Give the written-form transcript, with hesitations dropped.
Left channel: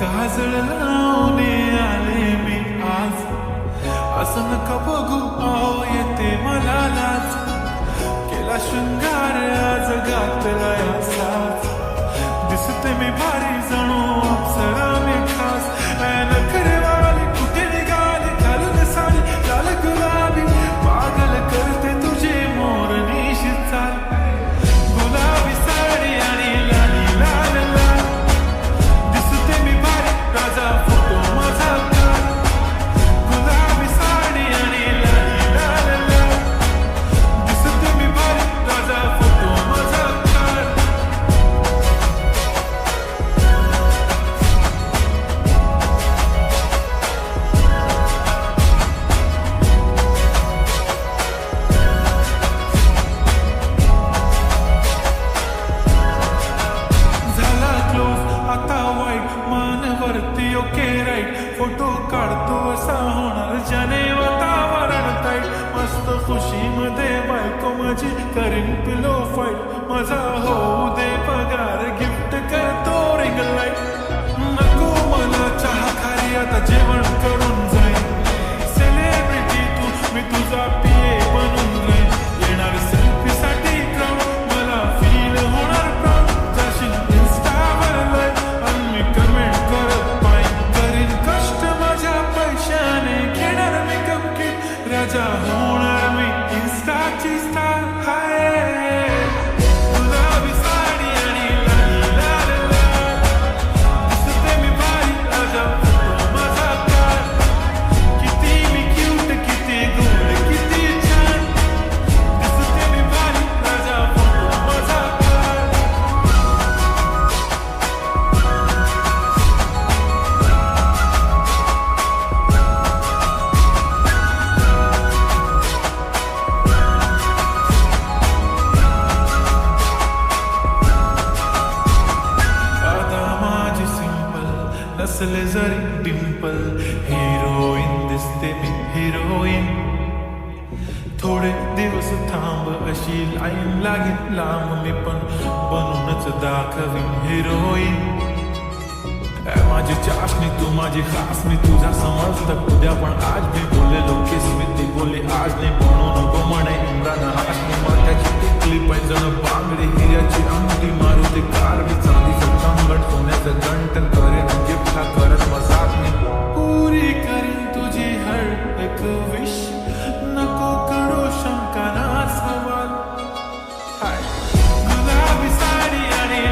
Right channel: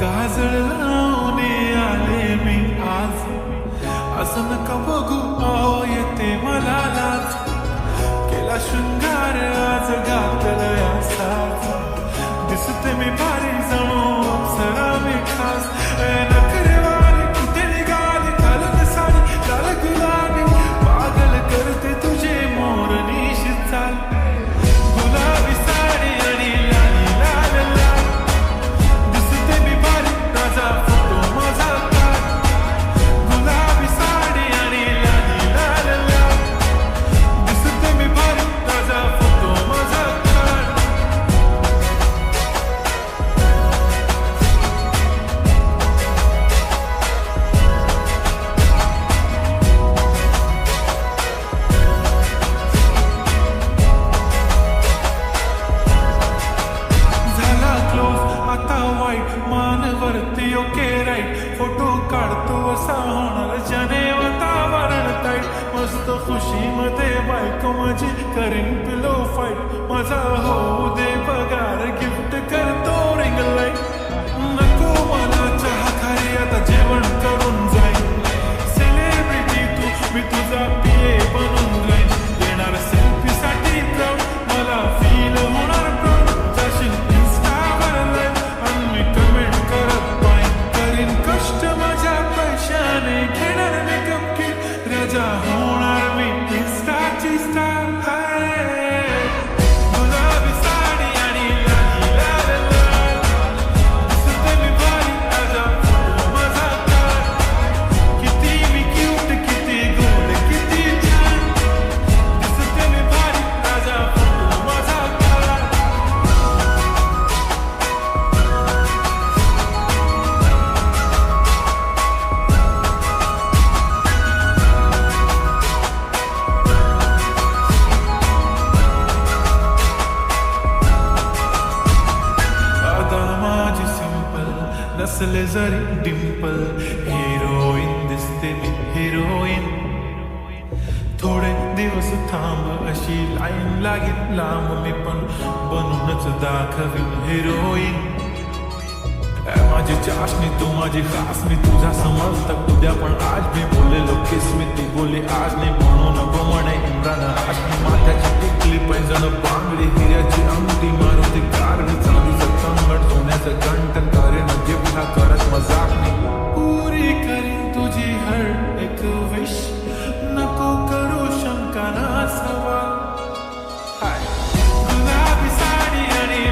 काजळ लावून आले मी आज, असं नका बघू अहो येते मला लाज. केला शृंगार आज घातला असाच, दिसते मी भारी जणू अप्सरा मी खास. नखरेवाली कुठे निघाली घालून साडी लाल गुलाबी, पागल करते तुझे मोरनीशी चाल. गुलाबी साडी आणि लाली लाल लाल, दिसते मी भारी राजा फोटो माझा काढ. गुलाबी साडी आणि लाली लाल लाल, दिसते मी भारी राजा फोटो माझा काढ. झाला क्लोज आता वाईट, मानवरती ओके राईट. फोटो काढतो असा होणार ज्याने वातावरण ताईट. मस्त खुशी मध्ये बायको माझी करीन पिलो फाईट. माझा होऊ दे पगार गिफ्ट करतो रिंग लाईट. नको मला चहा खारी आता जेवण करून जाईन. सेलिब्रिटी तू मी तुझा पिये बनून राहीन. येणार सेल्फी साठी क्राऊड मला फील होणार प्राऊड. जाशील इन्स्टावर लाईव्ह आणि मी कमेंट करत पाहिन. करीन कष्ट माझ्या पैशाने घेणार मेकअप किट. राजा होणार मी इन्स्टाची स्टार. हाय गुलाबी साडी आणि लाली लाल लाल, दिसते मी भारी राजा फोटो माझा काढ. किती मी क्यूट किती गोड किती छान, दिसते मी भारी राजा फोटो माझा काढ. माझी सिंपल नसले जरी डिंपल, हिरोईन दिसते मी हिरोईन. थोडे दिवस थांब अशी लाईन लागेल लांब, मी पण बनूनच दाखवीन हिरोईन. माझी चाशनी तू माझी खास, मी तुझा समर्थक उद्या पण आज मी बोललेलो किस मी ती बोली आज नाही. म्हणून म्हणे इम्रान हाशमी, माथ्याची टिकली पैंजण बांगडी हिऱ्याची अंगठी. मारुती कारवी चांदीचं कंगण सोन्याचं गंटन, करेन गिफ्ट हा करत मजाक मी. पुरी करीन तुझी हर एक विश, नको करू शंका ना सवाल. हाय गुलाबी साडी आणि